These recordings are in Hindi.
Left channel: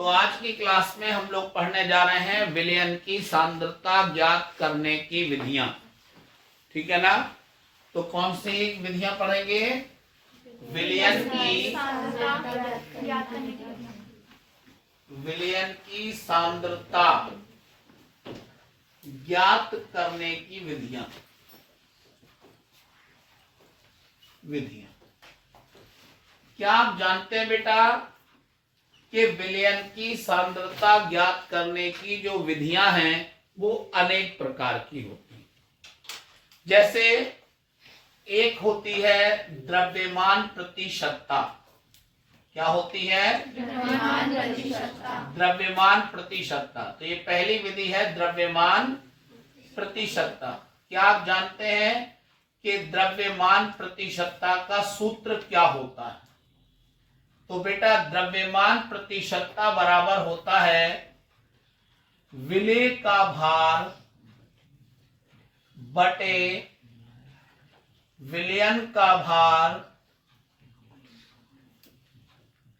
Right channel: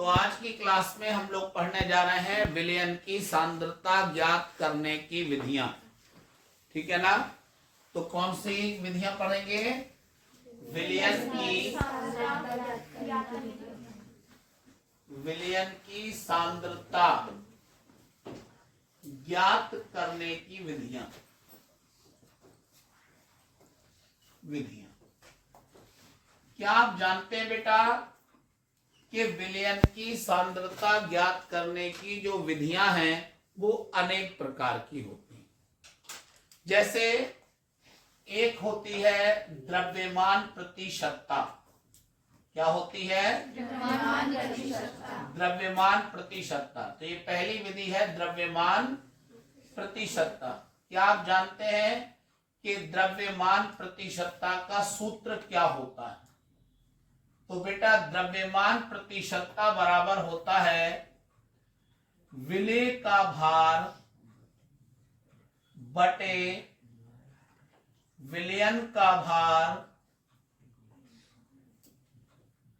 तो आज की क्लास में हम लोग पढ़ने जा रहे हैं विलयन की सांद्रता ज्ञात करने की विधियां। ठीक है ना? तो कौन सी विधियां पढ़ेंगे? विलयन की सांद्रता ज्ञात करने की विधियां। क्या आप जानते हैं बेटा कि विलयन की सांद्रता ज्ञात करने की जो विधियां हैं वो अनेक प्रकार की होती हैं। जैसे एक होती है द्रव्यमान प्रतिशतता। क्या होती है? द्रव्यमान प्रतिशतता। तो ये पहली विधि है द्रव्यमान प्रतिशतता। क्या आप जानते हैं कि द्रव्यमान प्रतिशतता का सूत्र क्या होता है? तो बेटा द्रव्यमान प्रतिशतता बराबर होता है विलेय का भार बटे विलयन का भार,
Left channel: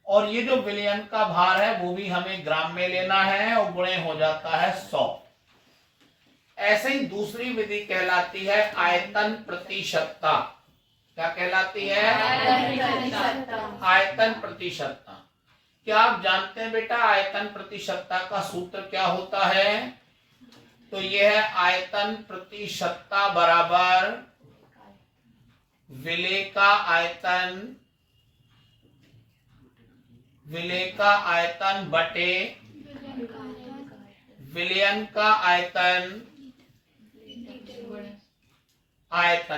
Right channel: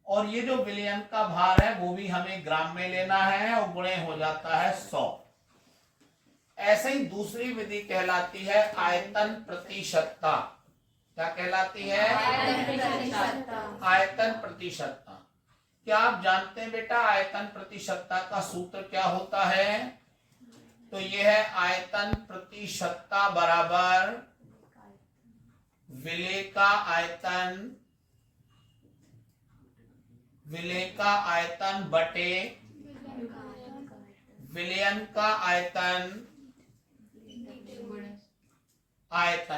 और ये जो विलयन का भार है वो भी हमें ग्राम में लेना है और गुणे हो जाता है 100। ऐसे ही दूसरी विधि कहलाती है आयतन प्रतिशतता। क्या कहलाती है? आयतन प्रतिशतता। क्या आप जानते हैं बेटा आयतन प्रतिशतता का सूत्र क्या होता है? तो यह है आयतन प्रतिशतता बराबर विलेय का आयतन बटे विलयन का आयतन।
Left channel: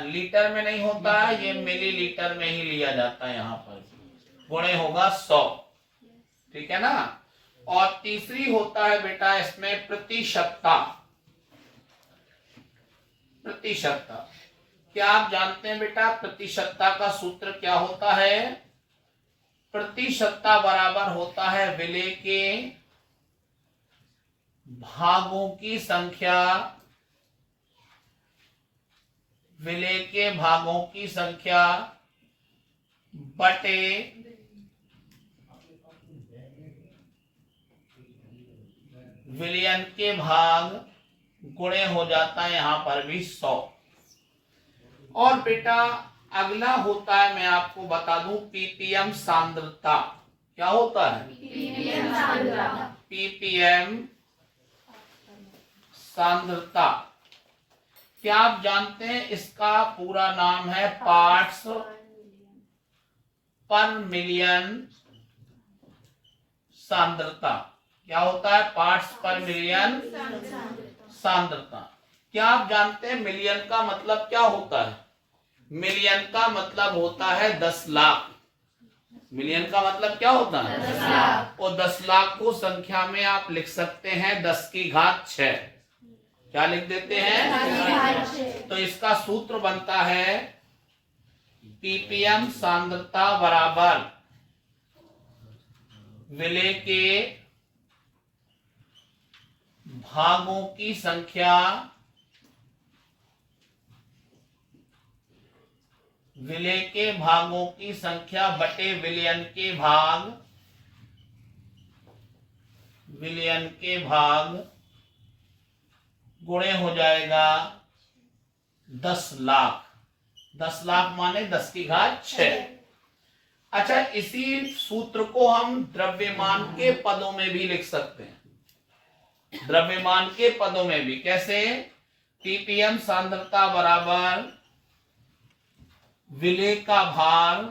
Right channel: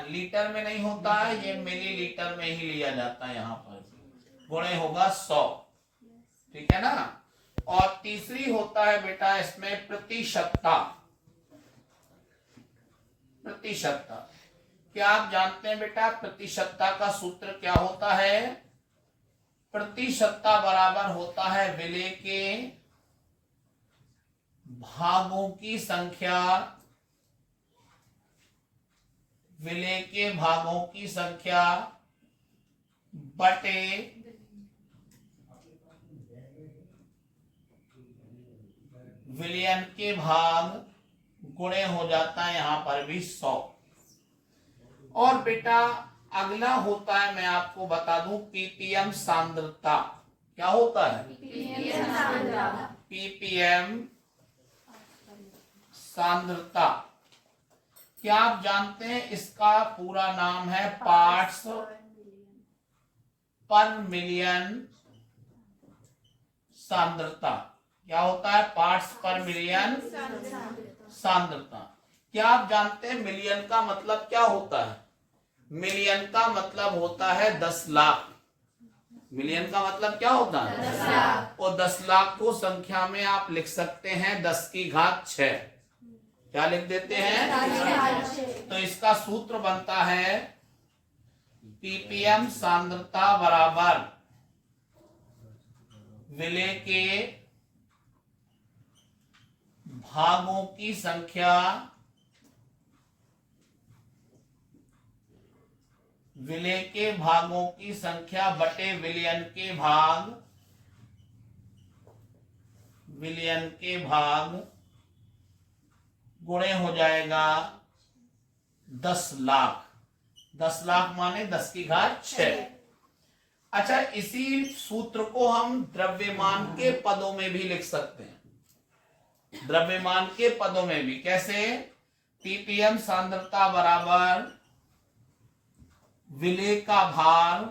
लीटर में नहीं होता है, ये मिलीलीटर में ही लिया जाता है। यहाँ पर गुणे होगा 100। ठीक है ना? और तीसरी होता है बेटा इसमें प्रतिशतता। क्या आप जानते हैं बेटा प्रतिशतता का सूत्र क्या होता है? प्रतिशतता बराबर होता है विलेय के भागों की संख्या, बटे विलयन के भाग गुणे हो जाता है यहाँ पर भी 100। और बेटा अगला होता है, मैं आपको बता दूं, पीपीएम सांद्रता। क्या होता है? पीपीएम सांद्रता। क्या आप जानते हैं इसका पूरा नाम है पार्ट्स पर मिलियन सांद्रता। क्या होता है? पार्ट्स पर मिलियन सांद्रता। क्या आप जानते हैं मिलियन का मतलब क्या होता है? मिलियन का मतलब होता है 10 लाख। मिलियन का मतलब क्या होता है? 10 लाख। और 10 लाख को संख्या में आप लिख सकते हैं 10 की घात 6। क्या लिख देते हैं? तो इसका सूत्र बनता है पीपीएम सांद्रता बराबर विलेय के भागों की संख्या, विलेय के भागों की संख्या बटे विलयन के भाग गुणे हो जाएगा 10 लाख। 10 लाख माने 10 की घात 6। अच्छा, इसी सूत्र को हम द्रव्यमान के पदों में भी लिख सकते हैं। द्रव्यमान के पदों में भी कैसे? पीपीएम सांद्रता बराबर विलेय का भार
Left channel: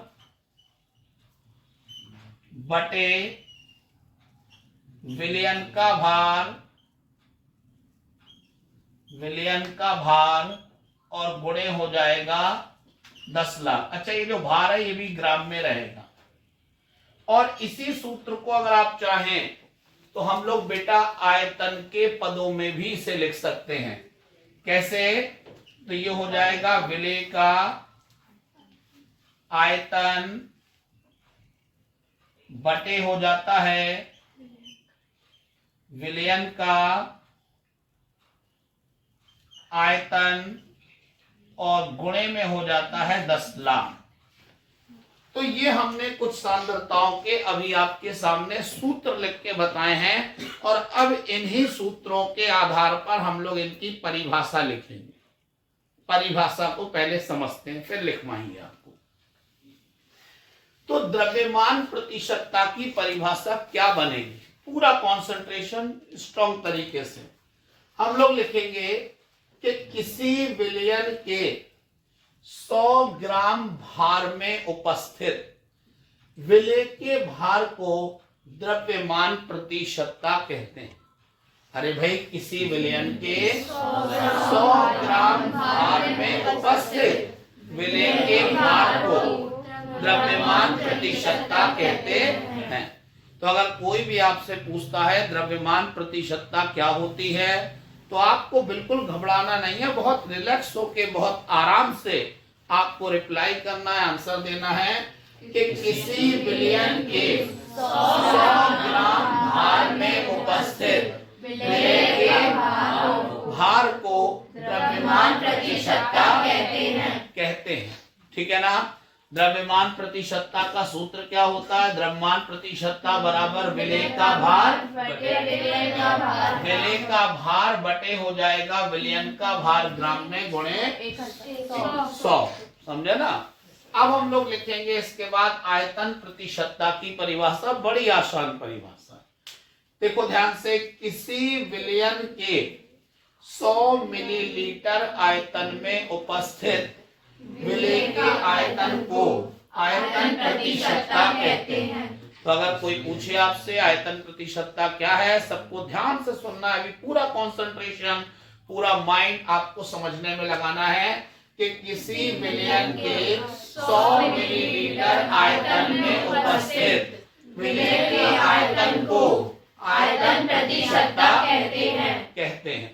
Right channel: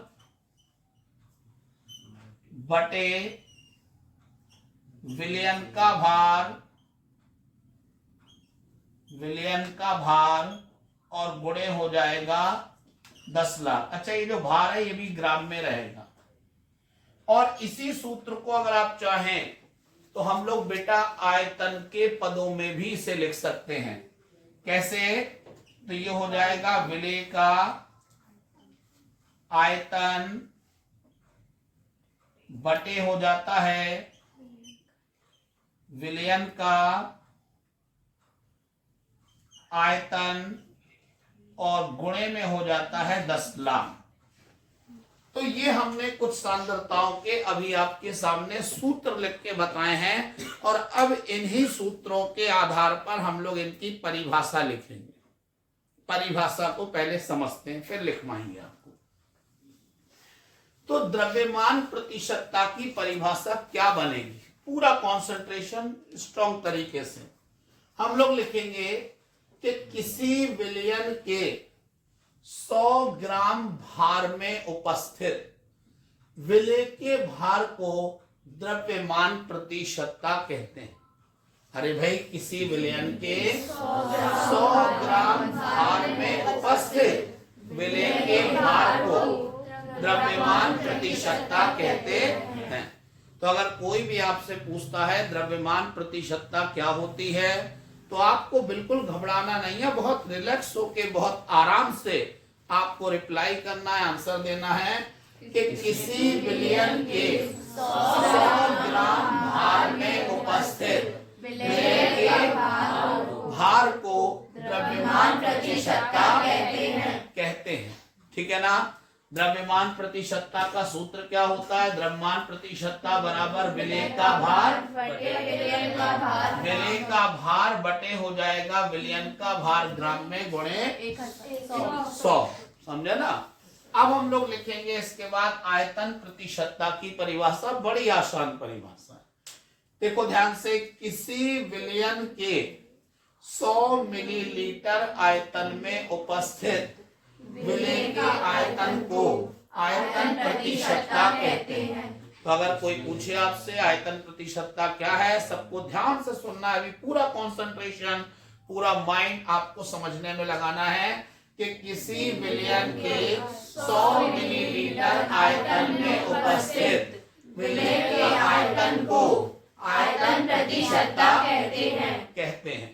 बटे विलयन का भार और गुणे हो जाएगा 10 लाख। अच्छा, ये जो भार है ये भी ग्राम में रहेगा। और इसी सूत्र को अगर आप चाहें तो हम लोग बेटा आयतन के पदों में भी इसे लिख सकते हैं। कैसे? तो ये हो जाएगा विलेय का आयतन बटे हो जाता है विलयन का आयतन और गुणे में हो जाता है 10 लाख। तो ये हमने कुछ सांद्रताओं के अभी आपके सामने सूत्र लिख के बताए हैं और अब इन्हीं सूत्रों के आधार पर हम लोग इनकी परिभाषा लिखेंगे। परिभाषा को पहले समझते हैं फिर लिखवाएंगे आपको। तो द्रव्यमान प्रतिशतता की परिभाषा क्या बनेगी, पूरा कंसंट्रेशन स्ट्रॉन्ग तरीके से हम लोग लिखेंगे कि किसी विलयन के 100 ग्राम भार में उपस्थित विलय के भार को द्रव्यमान प्रतिशतता कहते हैं। अरे भाई, किसी विलयन के 100 ग्राम भार में उपस्थित विलय के भार को द्रव्यमान प्रतिशतता कहते हैं। तो अगर कोई भी आपसे पूछता है द्रव्यमान प्रतिशतता क्या होती है, तो आपको बिल्कुल घबराना नहीं है, बहुत रिलैक्स होके बहुत आराम से आपको रिप्लाई करना है, आंसर देना है कि किसी विलयन के 100 ग्राम भार में उपस्थित विलय के भार को द्रव्यमान प्रतिशतता कहते हैं। ठीक है ना। द्रव्यमान प्रतिशतता का सूत्र क्या होता है, द्रव्यमान प्रतिशतता बराबर विलय का भार बटे विलयन का भार। विलय का भार बटे हो जाएगा विलयन का भार ग्राम में गुणे 100। समझे ना। अब हम लोग लिखेंगे इसके बाद आयतन प्रतिशतता की परिभाषा, बड़ी आसान परिभाषा। देखो ध्यान से, किसी विलयन के 100 मिलीलीटर आयतन में उपस्थित विलय के आयतन को आयतन प्रतिशतता कहते हैं। तो अगर कोई पूछे आपसे आयतन प्रतिशतता क्या है, सबको ध्यान से सुनना है, अभी पूरा कंसंट्रेशन पूरा माइंड आपको समझने में लगाना है कि किसी विलयन के 100 मिलीलीटर आयतन में उपस्थित विलय के आयतन को आयतन प्रतिशतता कहते हैं।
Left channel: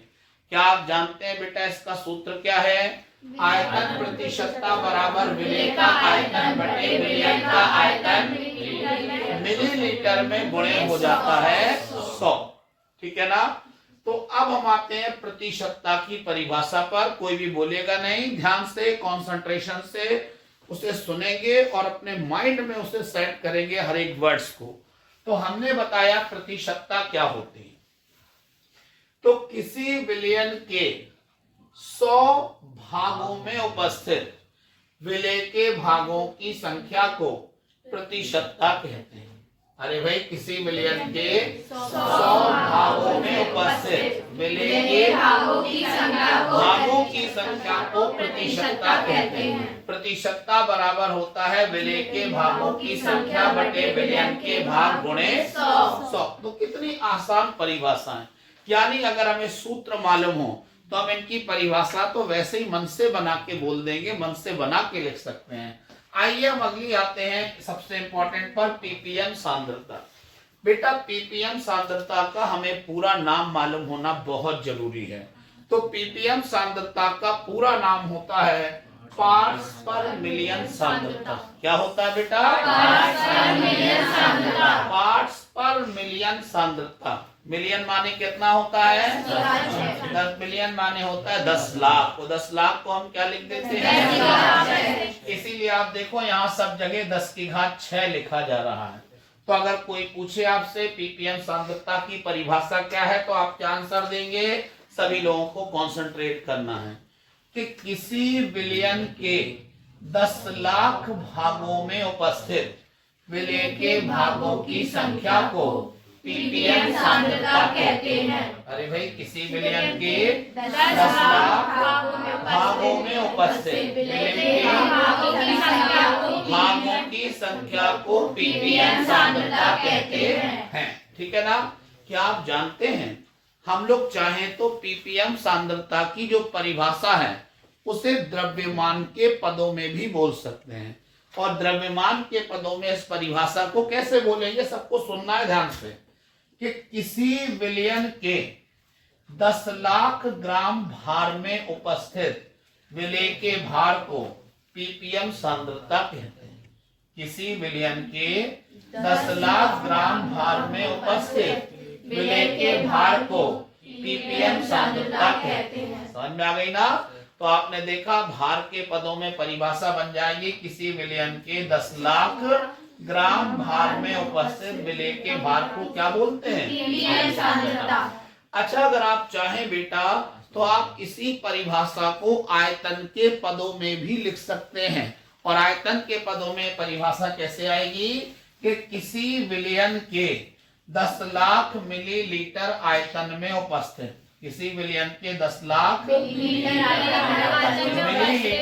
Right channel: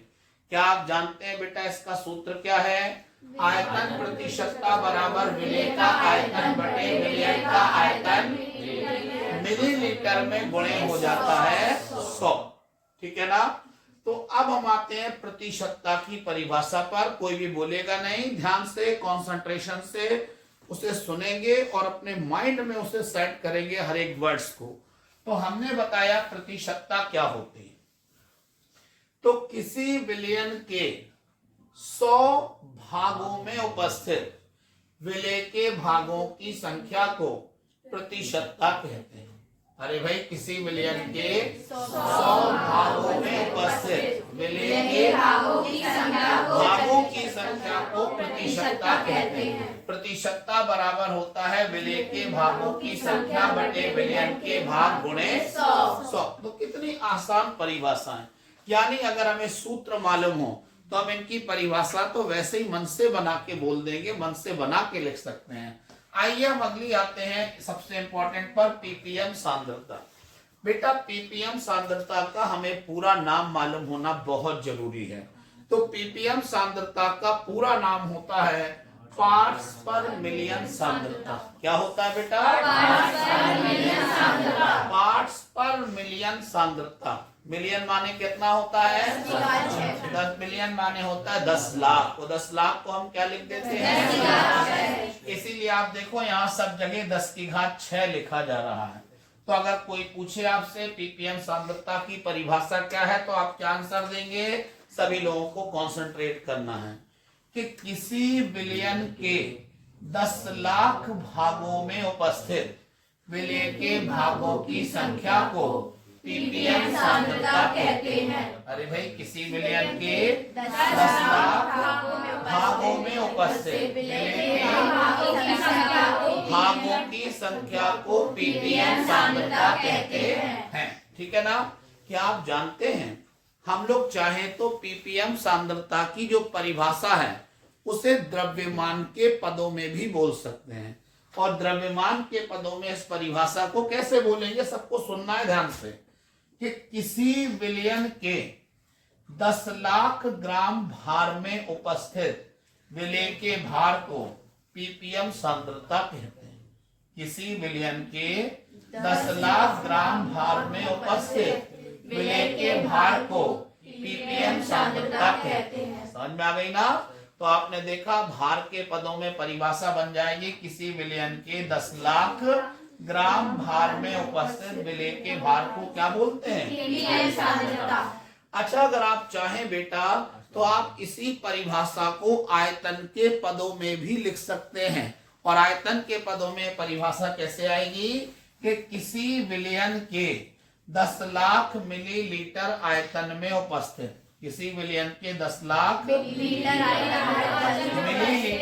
क्या आप जानते हैं बेटा इसका सूत्र क्या है? आयतन प्रतिशतता बराबर विलय का आयतन बटे विलयन का आयतन मिलीलीटर में गुणे हो जाता है 100। ठीक है ना। तो अब हम आते हैं प्रतिशतता की परिभाषा पर। कोई भी बोलेगा नहीं, ध्यान से कंसंट्रेशन से उसे सुनेंगे और अपने माइंड में उसे सेट करेंगे हर एक वर्ड्स को। तो हमने बताया प्रतिशतता क्या होती है। तो किसी विलयन के 100 भागों में उपस्थित विलय के भागों की संख्या को प्रतिशतता कहते हैं। अरे भाई, किसी विलयन के 100 भागों में उपस्थित विलय के भागों की संख्या को प्रतिशतता कहते हैं। प्रतिशतता बराबर होता है विलय के भागों की संख्या बटे विलयन के भाग गुणे 100। तो कितनी आसान परिभाषा है। यानी अगर हमें सूत्र मालूम हो तो हम इनकी परिभाषा तो वैसे ही मन से बना के बोल देंगे, मन से बना के लिख सकते हैं। आइए हम अगली आते हैं सबसे इंपॉर्टेंट पर, पीपीएम सांद्रता। बेटा पीपीएम सांद्रता का हमें पूरा नाम मालूम होना बहुत जरूरी है। तो पीपीएम सांद्रता का पूरा नाम होता है पार्ट्स पर मिलियन सांद्रता। क्या होता है बेटा? पार्ट्स पर मिलियन सांद्रता। मिलियन माने कितना होता है? 10 मिलियन माने होता है 10 लाख। तो 10 लाख को हम क्या लिख देते हैं? इसीलिए आप देखो यहाँ सब जगह 10 की घात 6 लिखा जा रहा है। तो अगर कोई पूछे आपसे पीपीएम सांद्रता की परिभाषा क्या है, तो आप क्या आंसर देंगे? सभी लोगों को कॉन्सेंट्रेट करना है कि किसी विलयन के 10 लाख भागों में उपस्थित विलय के भागों की संख्या को पीपीएम सांद्रता कहते हैं। अरे भाई, किसी विलयन के 10 लाख भागों में उपस्थित विलय के भागों की संख्या को पीपीएम सांद्रता कहते हैं। ठीक है ना। क्या आप जानते हैं हम लोग चाहें तो पीपीएम सांद्रता की जो परिभाषा है उसे द्रव्यमान के पदों में भी बोल सकते हैं। और द्रव्यमान के पदों में इस परिभाषा को कैसे बोलेंगे, सबको सुनना है ध्यान से, कि किसी विलयन के 10 लाख ग्राम भार में उपस्थित विलय के भार को पीपीएम सांद्रता कहते हैं। किसी विलयन के 10 लाख ग्राम भार में उपस्थित विलय के भार को पीपीएम सांद्रता कहते हैं। समझ में आ गई ना। तो आपने देखा भार के पदों में परिभाषा बन जाएगी, किसी विलयन के 10 लाख ग्राम भार में उपस्थित विलय के भार को क्या बोलते हैं? अच्छा, अगर आप चाहें बेटा तो आप इसी परिभाषा को आयतन के पदों में भी लिख सकते हैं। और आयतन के पदों में परिभाषा कैसे आएगी कि किसी विलयन के 10 लाख मिलीलीटर आयतन में उपस्थित, किसी विलयन के 10 लाख मिलीलीटर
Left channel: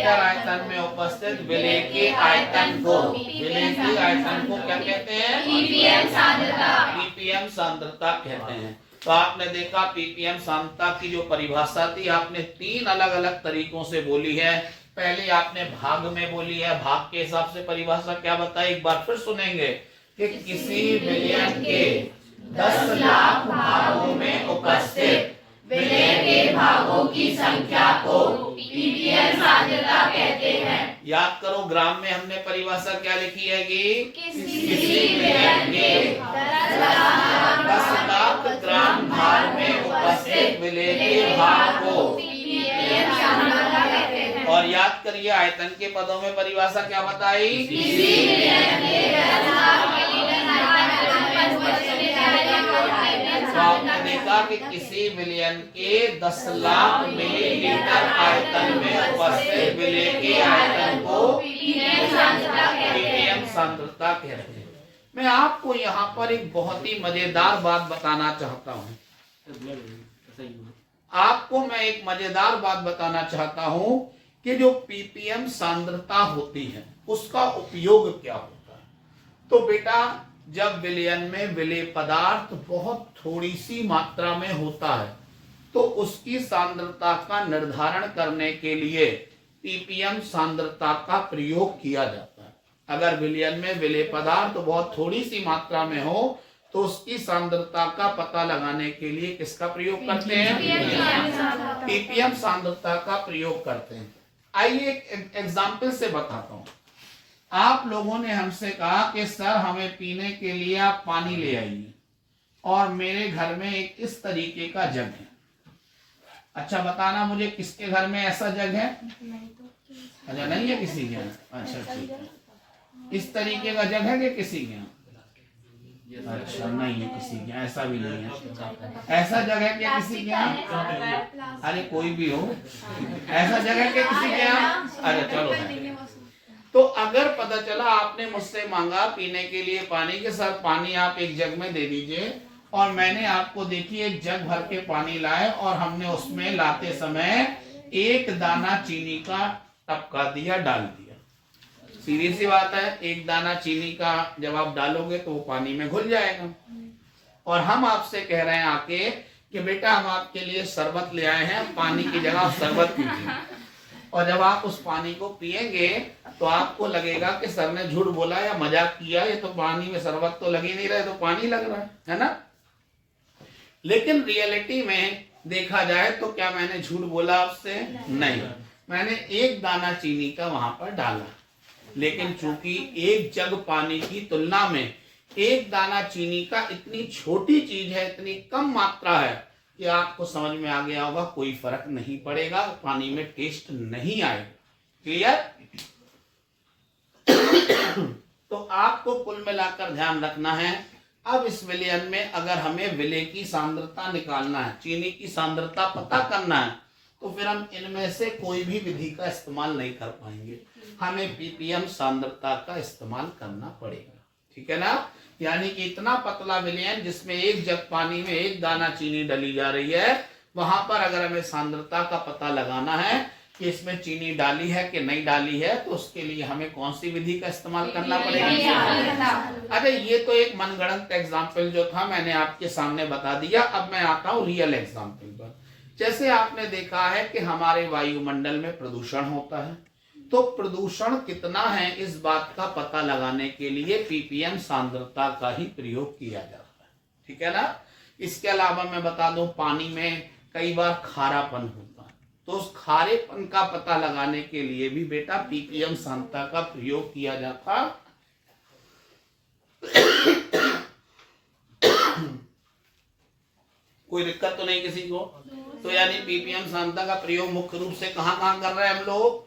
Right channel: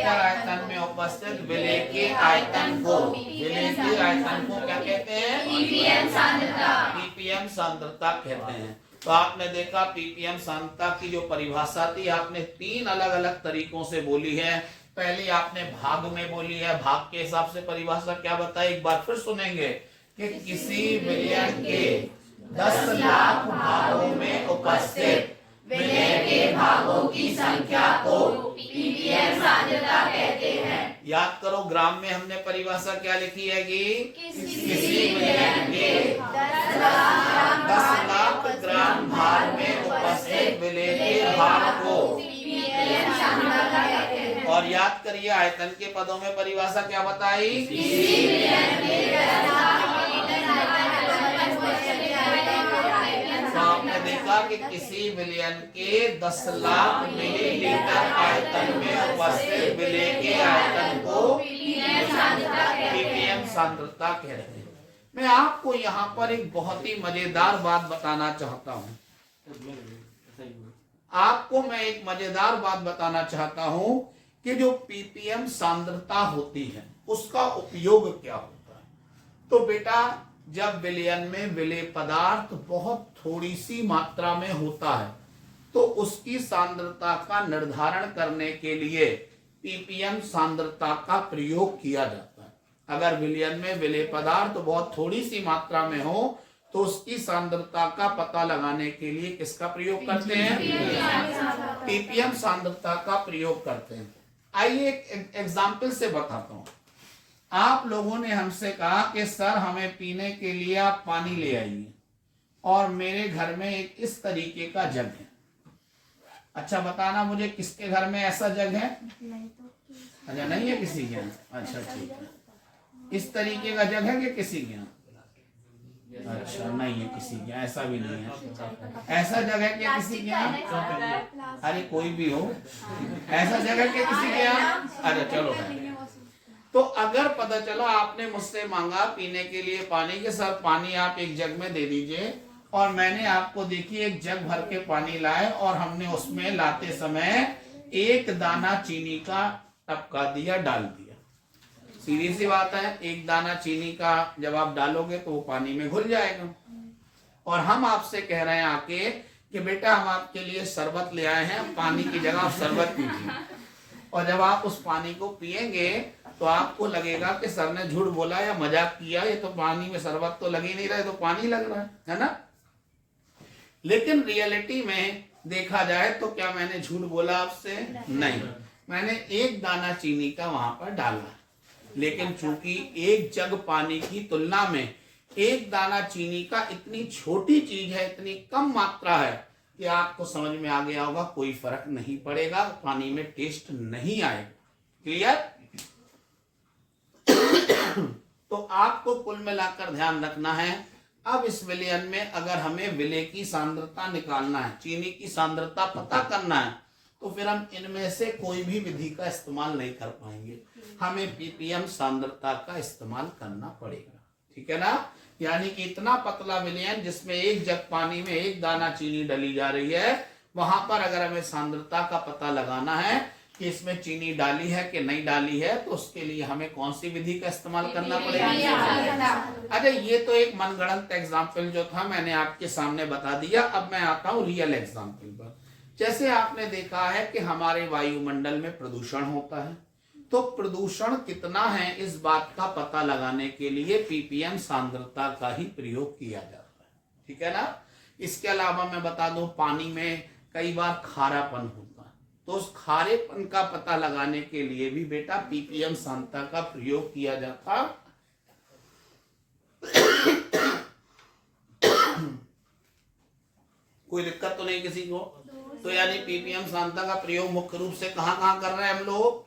आयतन में उपस्थित विलय के आयतन को, विलय के आयतन को क्या कहते हैं? पीपीएम सांद्रता। पीपीएम सांद्रता कहते हैं। तो आपने देखा पीपीएम सांद्रता की जो परिभाषा थी आपने 3 अलग अलग तरीकों से बोली है। पहले आपने भाग में बोली है, भाग के हिसाब से परिभाषा क्या बताई, एक बार फिर सुनेंगे कि किसी विलयन के 10 लाख भागों में उपस्थित विलय के भागों की संख्या को पीपीएम सांद्रता कहते हैं। याद करो, ग्राम में हमने परिभाषा क्या लिखी है कि किसी विलयन के 10 लाख ग्राम भार में उपस्थित विलय के भाग को पीपीएम सांद्रता कहते हैं। और याद करिए आयतन के पदों में परिभाषा क्या बताई? किसी विलयन के 10 लाख तो आपने देखा कि किसी विलयन के 10 लाख मिलीलीटर आयतन में उपस्थित विलय के आयतन को पीपीएम सांद्रता कहते हैं। मैं आपको यहाँ पर एक बहुत ही मजेदार बात बताना चाहता हूँ। आपको मैं एक मजेदार बात बताना चाहता हूँ कि जो पीपीएम सांद्रता होती है उसका उपयोग क्या होता है। तो बेटा जब विलयन में विलेय पदार्थ बहुत थोड़ी सी मात्रा में होता है तो उसकी सांद्रता का निर्धारण करने के लिए पीपीएम सांद्रता का प्रयोग किया जाता है। अगर विलयन में विलेय पदार्थ बहुत थोड़ी सी मात्रा में हो तो उसकी सांद्रता का पता लगाने के लिए किसका प्रयोग करते हैं? पीपीएम सांद्रता का प्रयोग करते हैं। आइए एक एग्जाम्पल से बताता हूं। आप लोगों ने हमसे कहा कि सर हमें पीने के लिए आप पानी ले आइए और मेरे घर में एक इस तरीके का जग है। अच्छा बताना मुझे किसके घर में ऐसा जग है? अच्छा नहीं है किसी के यहाँ? अच्छा ठीक है। इस तरीके का जग है कि किसी के यहाँ? अच्छा नहीं है किसी के यहाँ, ऐसा भी नहीं है। ऐसा जग है क्या किसी के यहाँ? अरे कोई भी हो, ऐसा जग है क्या किसी के यहाँ? अच्छा चलो। तो अगर पता चला आपने मुझसे मांगा पीने के लिए पानी के साथ पानी आप एक जग में दे दीजिए और मैंने आपको देखिए एक जग भर के पानी लाए और हमने उसमें लाते समय एक दाना चीनी का टपका दिया, डाल दिया। सीधी सी बात है, एक दाना चीनी का जब आप डालोगे तो वो पानी में घुल जाएगा। और हम आपसे कह रहे हैं आके कि बेटा हम आपके लिए शरबत ले आए हैं, पानी की जगह आप शरबत पीजिए। और जब आप उस पानी को पिएंगे तो आपको लगेगा कि सर ने झूठ बोला या मजाक किया, ये तो पानी में शरबत तो लग ही नहीं रहा है, तो पानी लग रहा है ना। लेकिन रियलिटी में देखा जाए तो क्या मैंने झूठ बोला आपसे? नहीं, मैंने एक दाना चीनी का वहां पर डाला। लेकिन चूंकि एक जग पानी की तुलना में एक दाना चीनी का इतनी छोटी चीज है, इतनी कम मात्रा है कि आपको समझ में आ गया होगा कोई फर्क नहीं पड़ेगा, पानी में टेस्ट नहीं आएगा। क्लियर? तो आपको कुल मिलाकर ध्यान रखना है। अब इस विलयन में अगर हमें विलेय की सांद्रता निकालना है, चीनी की सांद्रता पता करना है, तो फिर हम इनमें से कोई भी विधि का इस्तेमाल नहीं कर पाएंगे, हमें पीपीएम सांद्रता का इस्तेमाल करना पड़ेगा। ठीक है ना। यानी कि इतना पतला विलयन जिसमें एक जग पानी में एक दाना चीनी डली जा रही है, वहां पर अगर हमें सांद्रता का पता लगाना है कि इसमें चीनी डाली है कि नहीं डाली है, तो उसके लिए हमें कौन सी विधि का इस्तेमाल करना पड़ेगा? अरे ये तो एक मनगढ़ंत एग्जाम्पल जो था मैंने आपके सामने बता दिया। अब मैं आता हूँ रियल एग्जाम्पल पर। जैसे आपने देखा है कि हमारे वायुमंडल में प्रदूषण होता है, तो प्रदूषण कितना है इस बात का पता लगाने के लिए पीपीएम सांद्रता का ही प्रयोग किया जाता है। ठीक है ना। इसके अलावा मैं बता दूं पानी में कई बार खारापन होता है, तो उस खारेपन का पता लगाने के लिए भी बेटा पीपीएम सांद्रता का प्रयोग किया जाता। कोई दिक्कत तो नहीं किसी को? तो यानी पीपीएम सांद्रता का प्रयोग मुख्य रूप से कहाँ कहाँ कर रहे हैं हम लोग?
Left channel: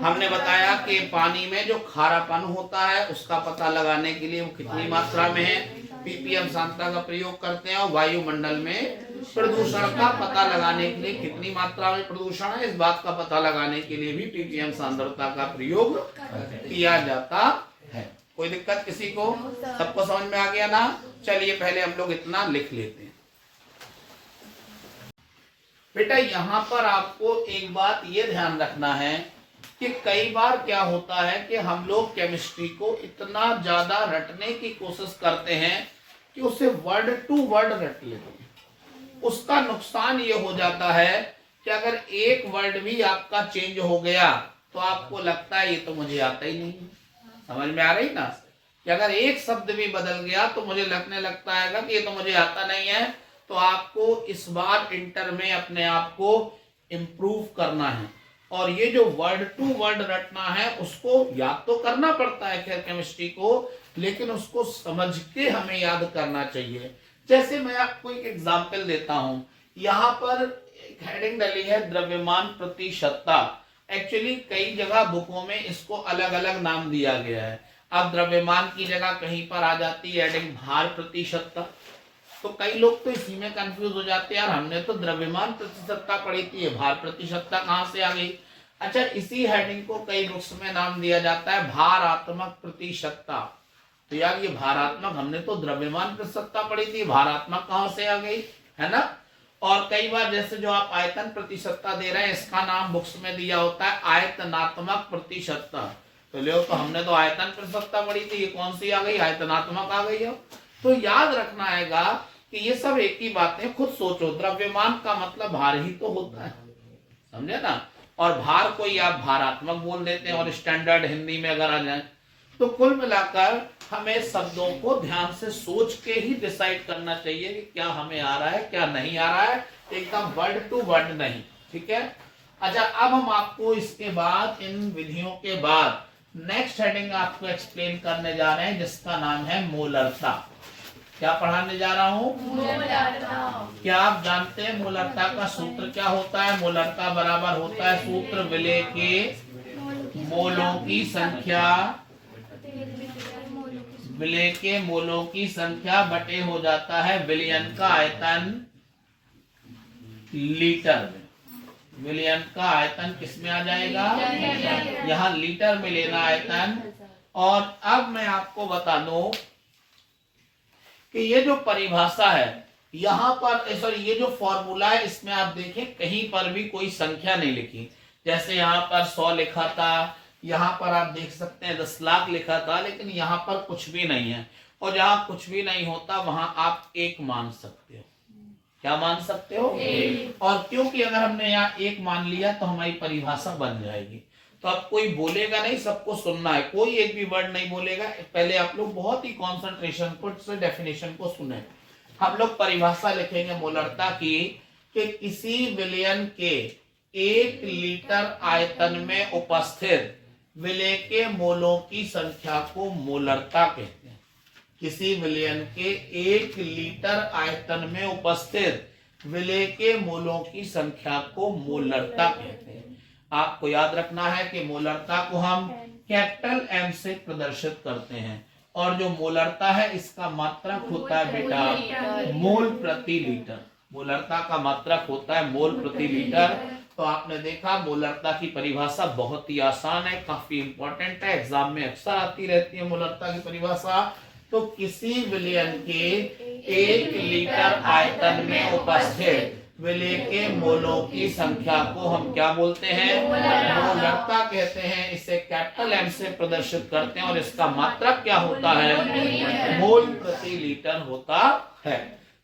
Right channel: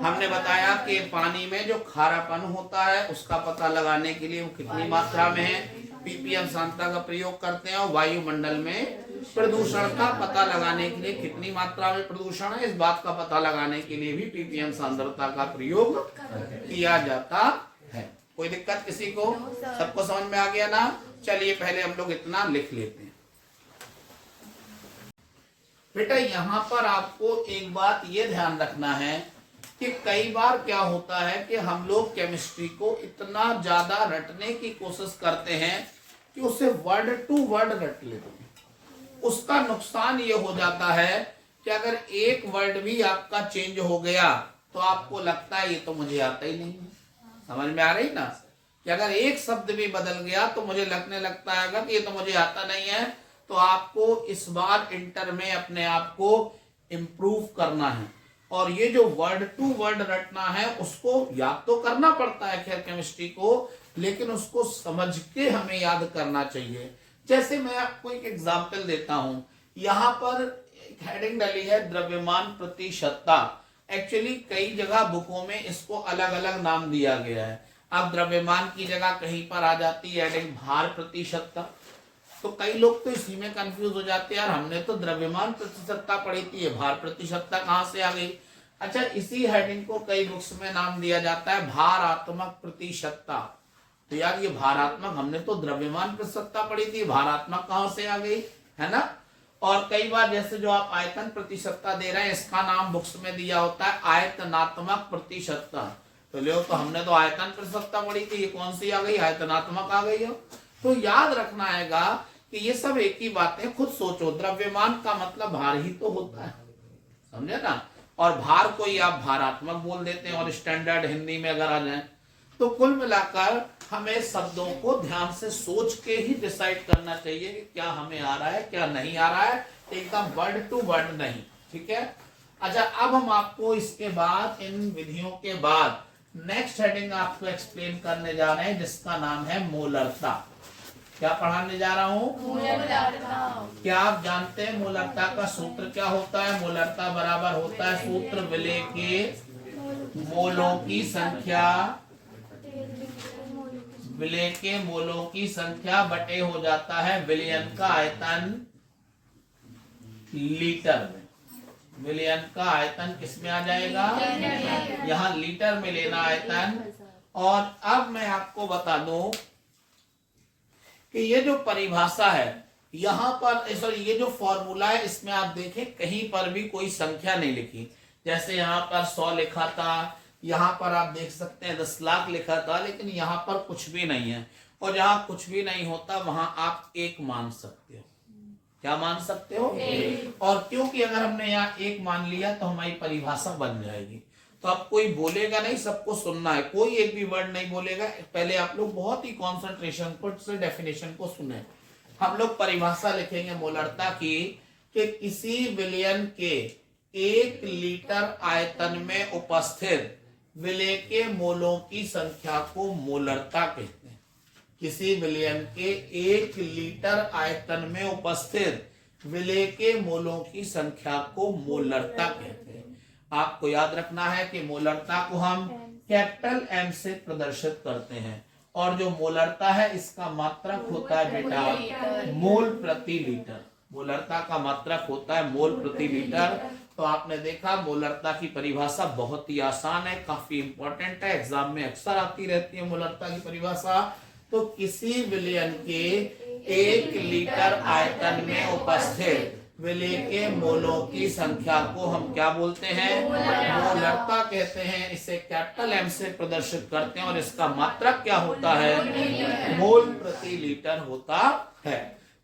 हमने बताया कि पानी में जो खारापन होता है उसका पता लगाने के लिए वो कितनी मात्रा में है, पीपीएम सांद्रता का प्रयोग करते हैं। और वायुमंडल में प्रदूषण का पता लगाने के लिए कितनी मात्रा में प्रदूषण है, इस बात का पता लगाने के लिए भी पीपीएम सांद्रता का प्रयोग किया जाता है। कोई दिक्कत किसी को? सबको समझ में आ गया ना? चलिए पहले हम लोग इतना लिख लेते हैं। बेटा यहाँ पर आपको एक बात ये ध्यान रखना है कि कई बार क्या होता है कि हम लोग केमिस्ट्री को इतना ज्यादा रटने की कोशिश करते हैं कि उसे वर्ड टू वर्ड रट लेते हैं। उसका नुकसान ये हो जाता है कि अगर एक वर्ड भी आपका चेंज हो गया तो आपको लगता है ये तो मुझे आता ही नहीं है। समझ में आ रही ना? कि अगर एक शब्द भी बदल गया तो मुझे लगने लगता है कि ये तो मुझे आता नहीं है। तो आपको इस बार इंटर में अपने आप को इम्प्रूव करना है और ये जो वर्ड टू वर्ड रटना है उसको याद तो करना पड़ता है खैर केमिस्ट्री को, लेकिन उसको समझ के हमें याद करना चाहिए। जैसे मैं आपको एक एग्जांपल देता हूं, यहाँ पर एक हेडिंग डली है द्रव्यमान प्रतिशतता। एक्चुअली कई जगह बुकों में इसको अलग अलग नाम दिया गया है। अब द्रव्यमान की जगह कहीं पर आ जाती है हेडिंग भार प्रतिशतता, तो कई लोग तो इसी में कंफ्यूज हो जाते हैं, यार हमने तो द्रव्यमान प्रतिशतता पढ़ी थी, भार प्रतिशतता कहाँ से आ गई? अच्छा, इसी हेडिंग को कई बुक्स में नाम दिया जाता है भारात्मक प्रतिशतता। तो यार ये भारात्मक, हमने तो द्रव्यमान प्रतिशतता पढ़ी थी, भारात्मक कहाँ से आ गई, है ना? और कई बार जैसे जो आप आयतन प्रतिशतता दे रहे हैं इसका नाम बुक्स में दिया होता है आयतनात्मक प्रतिशतता। तो लो, तो हमने तो आयतन प्रतिशतता पढ़ी थी, ये कौन सी आ गई? आयतनात्मक आ गई हो। तो याद रखना हैगा कि ये सब एक ही बातें। खुद सोचो, द्रव्यमान का मतलब भार ही तो होता है, समझे ना? और भार को ही आप भारात्मक बोल देते हैं और स्टैंडर्ड हिंदी में अगर आ जाए तो कुल मिलाकर हमें शब्दों को ध्यान से सोच के ही डिसाइड करना चाहिए कि क्या हमें आ रहा है क्या नहीं आ रहा है, एकदम वर्ड टू वर्ड नहीं। ठीक है? अच्छा, अब हम आपको इसके बाद इन विधियों के बाद नेक्स्ट हेडिंग आपको एक्सप्लेन करने जा रहे हैं जिसका नाम है मोलरता। क्या पढ़ाने जा रहा हूँ? क्या आप जानते हैं मोलरता का सूत्र क्या होता है? मोलरता बराबर होता है सूत्र विलेय के मोलों की संख्या, विलेय के मोलों की संख्या बटे हो जाता है विलयन का आयतन लीटर में। विलयन का आयतन किस में आ जाएगा? यहाँ लीटर में लेना आयतन। और अब मैं आपको बता दूं कि ये जो परिभाषा है यहाँ पर, सॉरी ये जो फॉर्मूला है इसमें आप देखें कहीं पर भी कोई संख्या नहीं लिखी। जैसे यहाँ पर 100 लिखा था, यहाँ पर आप देख सकते हैं 10 लाख लिखा था, लेकिन यहाँ पर कुछ भी नहीं है। और जहाँ कुछ भी नहीं होता वहां आप 1 मान सकते हो। क्या मान सकते हो? 1। और क्योंकि अगर हमने यहाँ 1 मान लिया तो हमारी परिभाषा बन जाएगी। तो अब कोई बोलेगा नहीं, सबको सुनना है, कोई एक भी वर्ड नहीं बोलेगा। पहले आप लोग बहुत ही कॉन्सेंट्रेशन से डेफिनेशन को सुने। हम लोग परिभाषा लिखेंगे मोलरता की कि किसी विलयन के 1 लीटर आयतन में उपस्थित विलेय के मोलों की संख्या को मोलरता कहते हैं। किसी विलयन के 1 लीटर आयतन में उपस्थित विलेय के मोलों की संख्या को मोलरता कहते हैं। आपको याद रखना है कि मोलरता को हम कैपिटल एम से प्रदर्शित करते हैं और जो मोलरता है इसका मात्रक होता है बेटा मोल प्रति लीटर। मोलरता का मात्रक होता है मोल प्रति लीटर। तो आपने देखा मोलरता की परिभाषा बहुत ही आसान है, काफी इंपॉर्टेंट है, एग्जाम में अक्सर आती रहती है मोलरता की परिभाषा। तो किसी विलयन के 1 लीटर आयतन में उपस्थित विलेय के मोलों की संख्या को हम क्या बोलते हैं? मोलरता कहते हैं। इसे कैपिटल एम से प्रदर्शित करते हैं और इसका मात्रक क्या होता है? मोल प्रति लीटर होता है।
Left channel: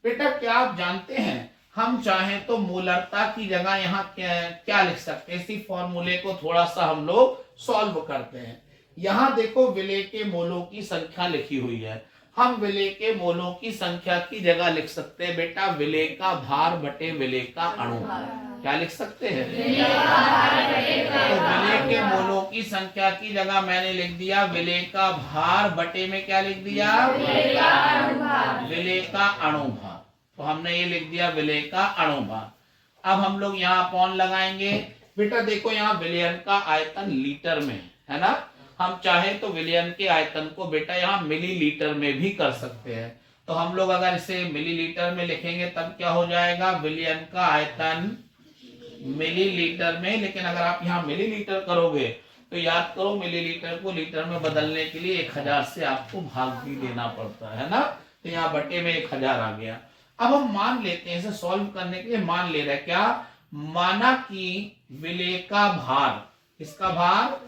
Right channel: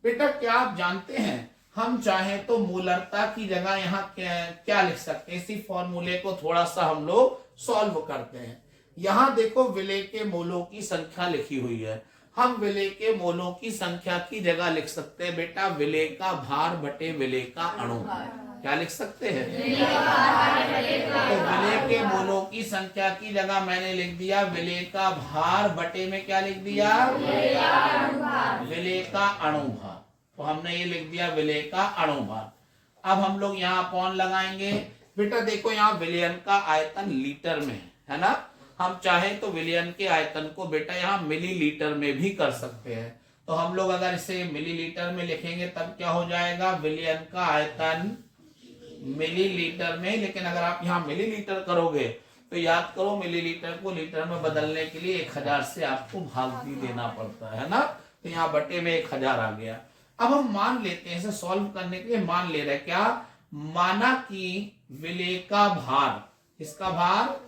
बेटा क्या आप जानते हैं हम चाहें तो मोलरता की जगह यहाँ क्या लिख सकते हैं? इसी फॉर्मूले को थोड़ा सा हम लोग सॉल्व करते हैं। यहाँ देखो विलेय के मोलों की संख्या लिखी हुई है, हम विलेय के मोलों की संख्या की जगह लिख सकते हैं बेटा विलेय का भार बटे विलेय का अणु। क्या लिख सकते हैं? तो विलेय के मोलों की संख्या की जगह मैंने लिख दिया विलेय का भार बटे में क्या लिख दिया? विलेय का अणु भार। तो हमने ये लिख दिया विलेय का अणुभार। अब हम लोग यहाँ अपॉन लगाएंगे। बेटा देखो यहाँ विलयन का आयतन लीटर में है ना, हम चाहे तो विलयन के आयतन को बेटा यहाँ मिलीलीटर में भी कर सकते हैं। तो हम लोग अगर इसे मिलीलीटर में लिखेंगे तब क्या हो जाएगा, विलयन का आयतन मिलीलीटर में। लेकिन अगर आप यहाँ मिलीलीटर करोगे तो याद करो मिलीलीटर को लीटर में बदलने के लिए 1000 से आपको भाग भी देना पड़ता है ना, तो यहाँ बटे में 1000 आ गया। अब हम मान लेते हैं, इसे सॉल्व करने के लिए मान ले रहे हैं क्या, माना कि विलेय का भार, इसका भार,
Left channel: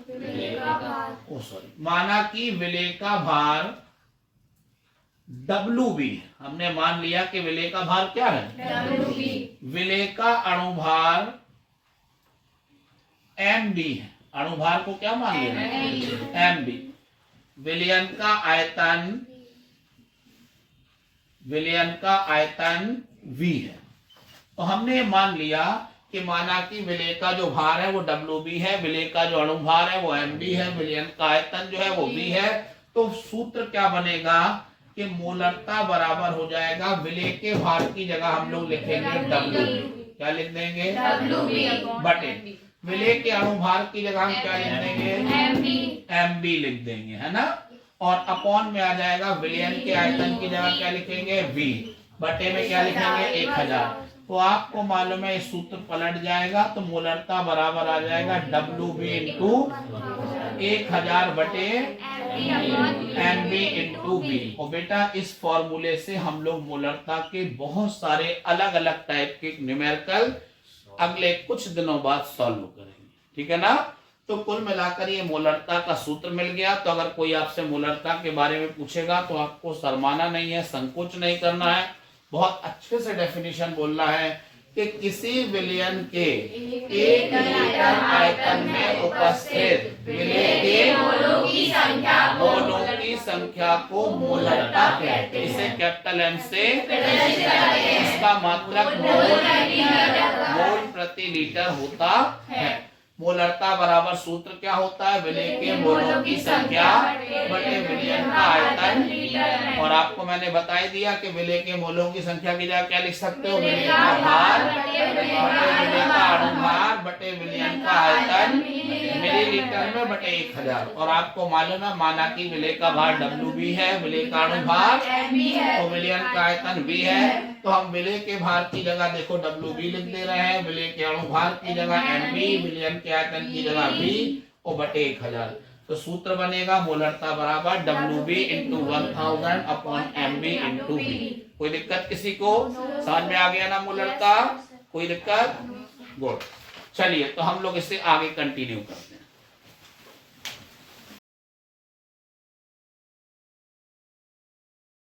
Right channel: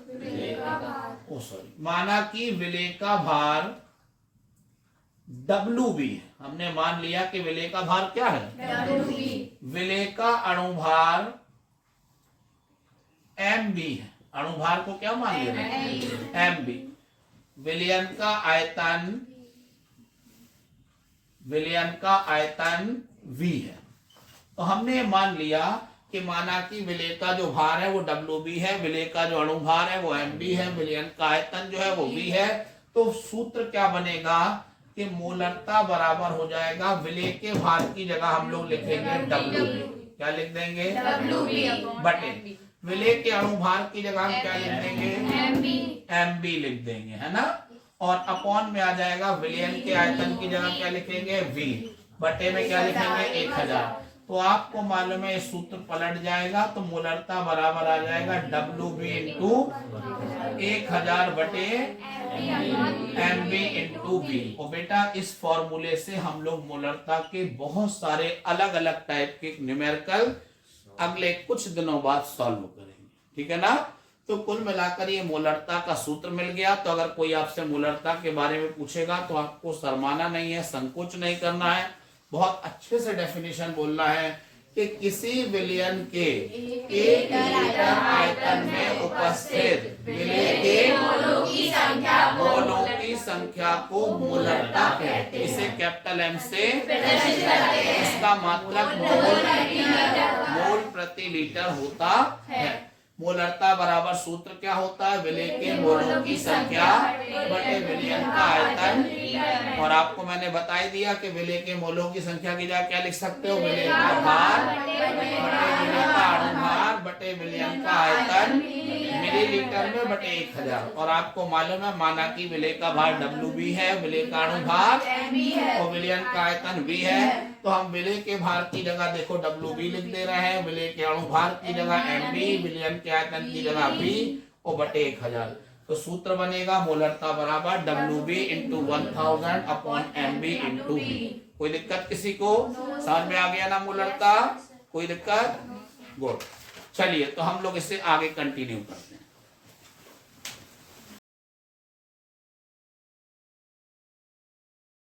माना कि विलेय का भार WB, हमने मान लिया कि विलेय का भार क्या है, विलेय का अणुभार MB है। अणुभार को क्या मान ले रहे हैं, MB। विलयन का आयतन, विलयन का आयतन V है। तो हमने मान लिया कि माना कि विलेय का जो भार है वो WB है, विलेय का जो अणुभार है वो MB है, विलयन का आयतन जो है वो V है। तो सूत्र क्या बनेगा कि मोलरता बराबर हो जाएगा, विलेय के भार की जगह हम लोग लिखेंगे WB। क्या लिख देंगे, बटे विलेय के अणुभार की जगह हम क्या लिख देंगे, MB लिख देंगे, है ना। और अपॉन में आ जाएगा विलयन के आयतन की जगह क्या लिखेंगे, V, बटे में क्या लिखेंगे 1000। तो आपको मालूम है इस सूत्र पलट जाएगा तो मोलरता बराबर आ जाएगा WB इंटू 1000 बटे MB इंटू V। और बेटा इस फॉर्मूले से हम लोग मोलरता के बहुत सारे अलग अलग टाइप के न्यूमेरिकल अगले कुछ दिनों बाद सॉल्व करेंगे, ठीक है ना। तो कुल मिलाकर ये मोलरता का सूत्र मिल गया। तो अगर कोई आपसे मोलरता के बारे में पूछेगा तो आपको शर्माना नहीं है, संकोच नहीं करना है, बहुत अच्छे से डेफिनेशन बोलना है कि किसी विलयन के 1 लीटर आयतन में उपस्थित विलेय के मोलों की संख्या को मोलरता कहते हैं। इसे कैपिटल M से, इसका मात्रक मोल प्रति लीटर होता है। मोलरता बराबर सूत्र क्या होता है, विलेय के मोलों की संख्या बटे विलयन का आयतन। और आपको मैंने बता ही दिया कि विलेय के मोलों की संख्या की जगह क्या लिख सकते हो, विलेय का भार बटे विलेय का अणुभार बटे विलयन का आयतन मिलीलीटर में बटे 1000। और आपको मालूम है माना कि विलेय का भार WB है, विलेय का अणुभार और विलयन का आयतन V है। तो हम विलेय के भार की जगह देखो WB लिख दे रहे हैं, विलेय के अणुभार की जगह MB, विलयन के आयतन की जगह V और बटे 1000। तो सूत्र बनेगा मोलरता बराबर WB into 1000 upon MB into V। कोई दिक्कत किसी को, समझ में आ गया ना मोलरता, कोई दिक्कत, गुड। चलिए तो हम लोग इसे आगे कंटिन्यू करते हैं।